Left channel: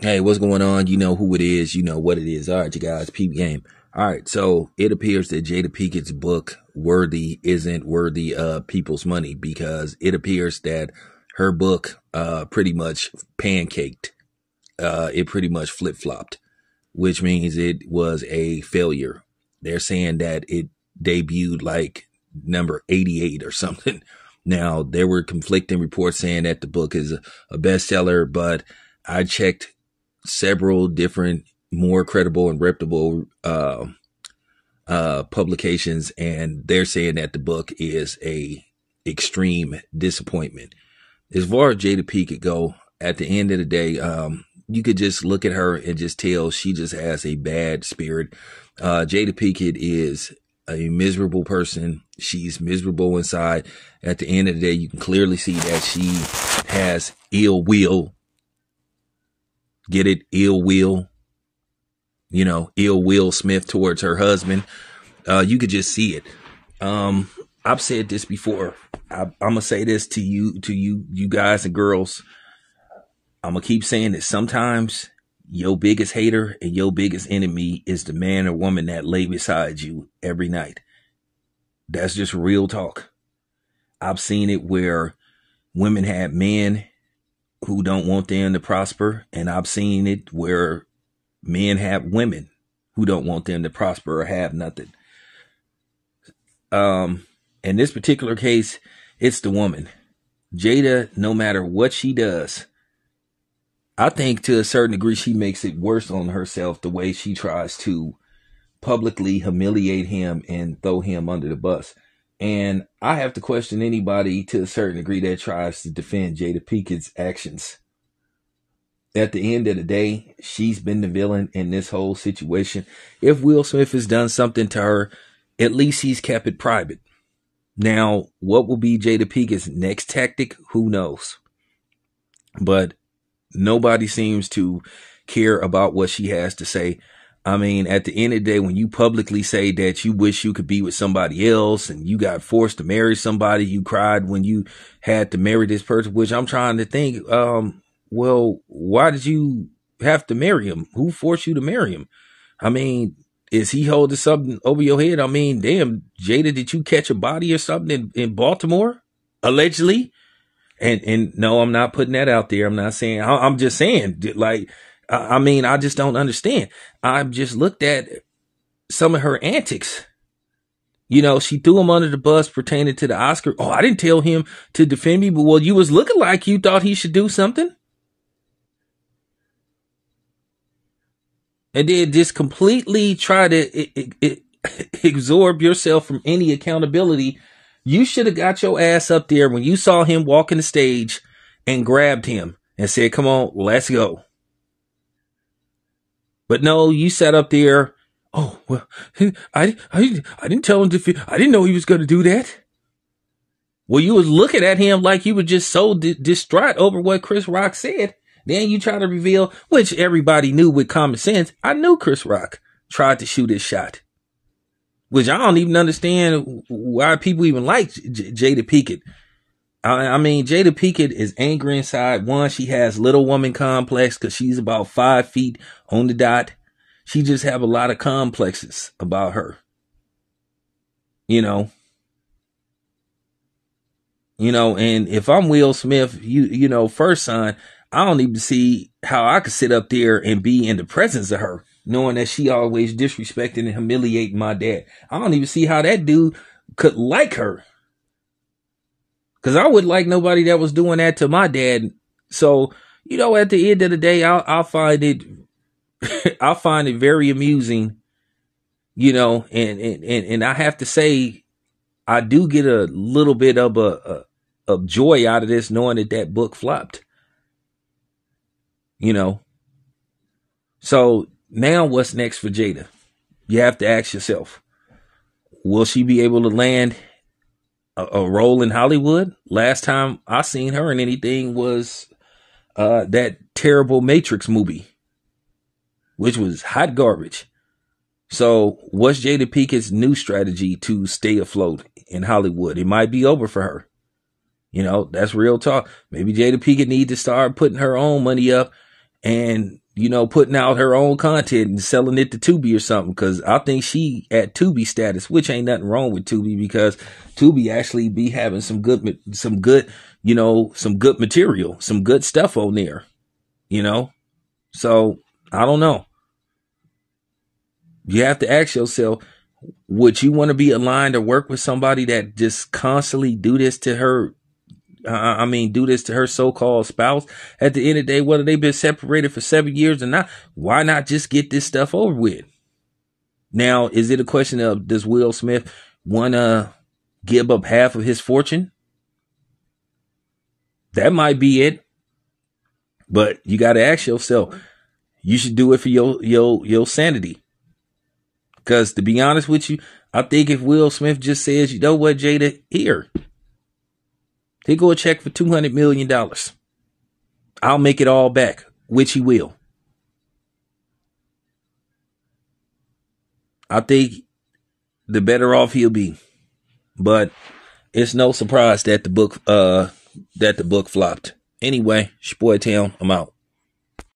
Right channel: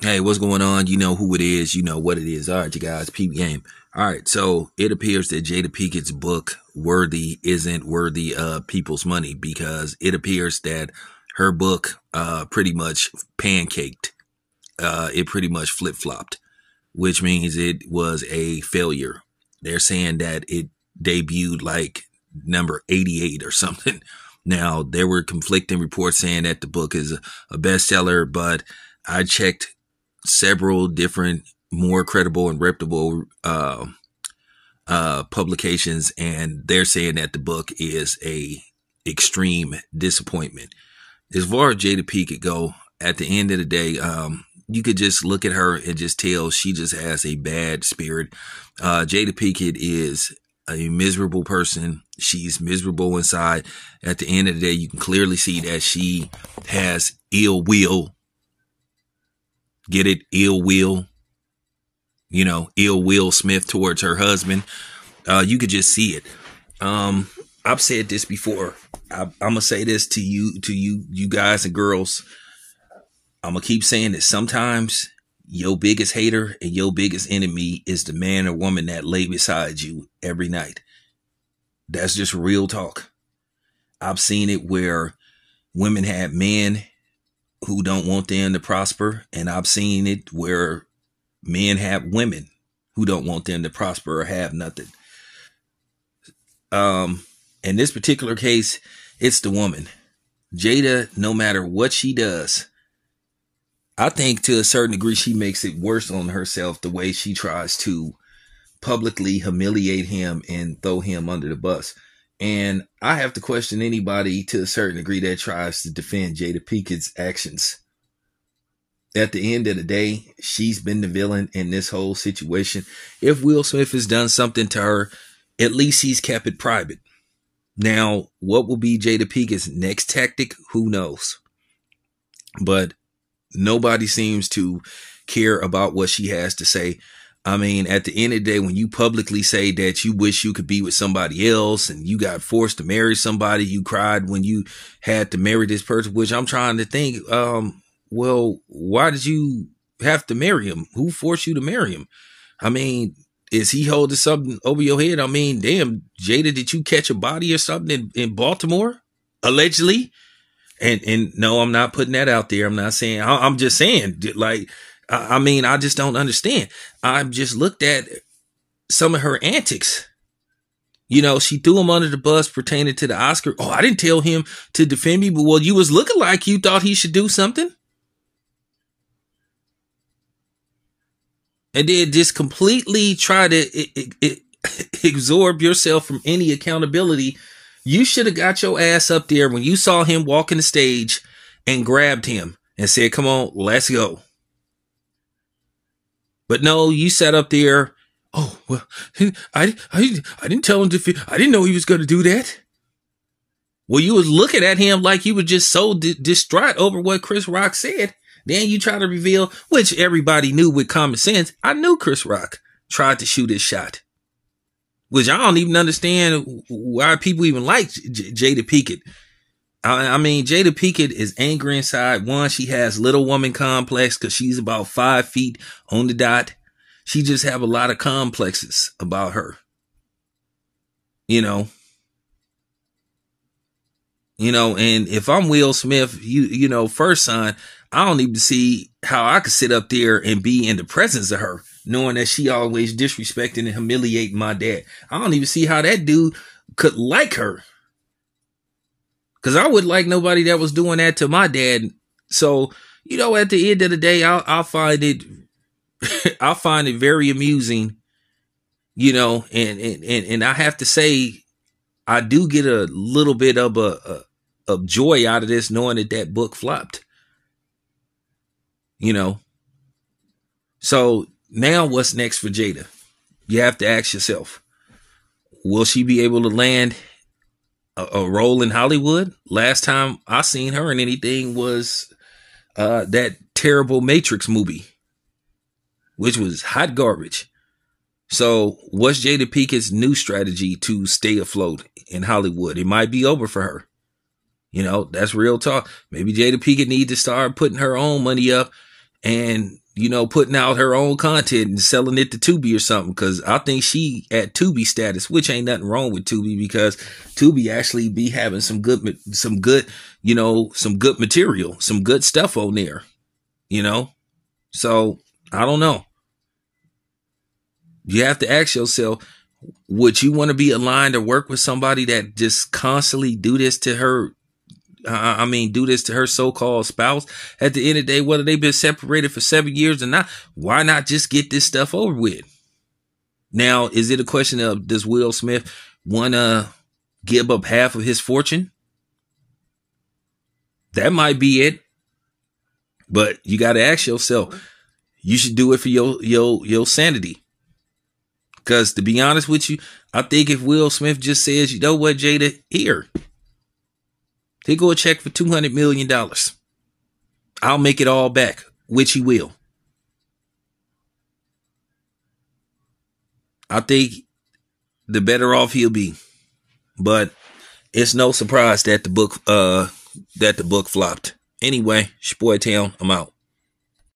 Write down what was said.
Hey, what's going on? You know who it is. You know what it is. All right, you guys, peep game. All right, so it appears that Jada Pinkett's book, Worthy, isn't worthy of people's money because it appears that her book pretty much pancaked. It pretty much flip-flopped, which means it was a failure. They're saying that it debuted like number 88 or something. Now, there were conflicting reports saying that the book is a bestseller, but I checked several different more credible and reputable publications, and they're saying that the book is a extreme disappointment. As far as Jada Pinkett go, at the end of the day, you could just look at her and just tell she just has a bad spirit. Jada Pinkett is a miserable person. She's miserable inside. At the end of the day, you can clearly see that she has ill will. Get it? Ill will. You know, ill will Smith towards her husband. You could just see it. I've said this before. I'm gonna say this to you guys and girls. I'm gonna keep saying that sometimes your biggest hater and your biggest enemy is the man or woman that lay beside you every night. That's just real talk. I've seen it where women have men who don't want them to prosper, and I've seen it where men have women who don't want them to prosper or have nothing. In this particular case, it's the woman. Jada, no matter what she does, I think to a certain degree she makes it worse on herself the way she tries to publicly humiliate him and throw him under the bus. And I have to question anybody to a certain degree that tries to defend Jada Pinkett's actions. At the end of the day, she's been the villain in this whole situation. If Will Smith has done something to her, at least he's kept it private. Now, what will be Jada Pinkett's next tactic? Who knows? But nobody seems to care about what she has to say. I mean, at the end of the day, when you publicly say that you wish you could be with somebody else and you got forced to marry somebody, you cried when you had to marry this person, which I'm trying to think, well, why did you have to marry him? Who forced you to marry him? I mean, is he holding something over your head? I mean, damn, Jada, did you catch a body or something in Baltimore? Allegedly? And no, I'm not putting that out there. I'm not saying, I'm just saying, like, I mean, I just don't understand. I've just looked at some of her antics. You know, she threw him under the bus pertaining to the Oscar. Oh, I didn't tell him to defend me, but well, you was looking like you thought he should do something. And then just completely try to absorb yourself from any accountability. You should have got your ass up there when you saw him walking the stage and grabbed him and said, come on, let's go. But no, you sat up there. Oh, well, I didn't tell him to, I didn't know he was going to do that. Well, you was looking at him like you were just so distraught over what Chris Rock said. Then you try to reveal, which everybody knew with common sense. I knew Chris Rock tried to shoot his shot, which I don't even understand why people even like Jada Pinkett. I mean, Jada Pinkett is angry inside. One, she has little woman complex because she's about 5 feet on the dot. She just have a lot of complexes about her. You know, and if I'm Will Smith, you know, first sign, I don't even see how I could sit up there and be in the presence of her, knowing that she always disrespecting and humiliating my dad. I don't even see how that dude could like her. Because I wouldn't like nobody that was doing that to my dad. So, you know, at the end of the day, I'll find it I'll find it very amusing, you know, and I have to say, I do get a little bit of joy out of this, knowing that book flopped. You know. So now what's next for Jada? You have to ask yourself, will she be able to land a role in Hollywood? Last time I seen her in anything was that terrible Matrix movie, which was hot garbage. So what's Jada Pinkett's new strategy to stay afloat in Hollywood? It might be over for her. You know, that's real talk. Maybe Jada Pinkett need to start putting her own money up and putting out her own content and selling it to Tubi or something. Cause I think she at Tubi status, which ain't nothing wrong with Tubi, because Tubi actually be having some good material, some good stuff on there, So I don't know. You have to ask yourself, would you want to be aligned or work with somebody that just constantly do this to her? Do this to her so-called spouse. At the end of the day, whether they've been separated for 7 years or not, why not just get this stuff over with? Now, is it a question of, does Will Smith want to give up half of his fortune? That might be it. But you got to ask yourself, you should do it for your sanity. Because to be honest with you, I think if Will Smith just says, you know what, Jada, here, take go a check for $200 million. I'll make it all back, which he will. I think the better off he'll be. But it's no surprise that the book flopped. Anyway, it's your boy Town. I'm out.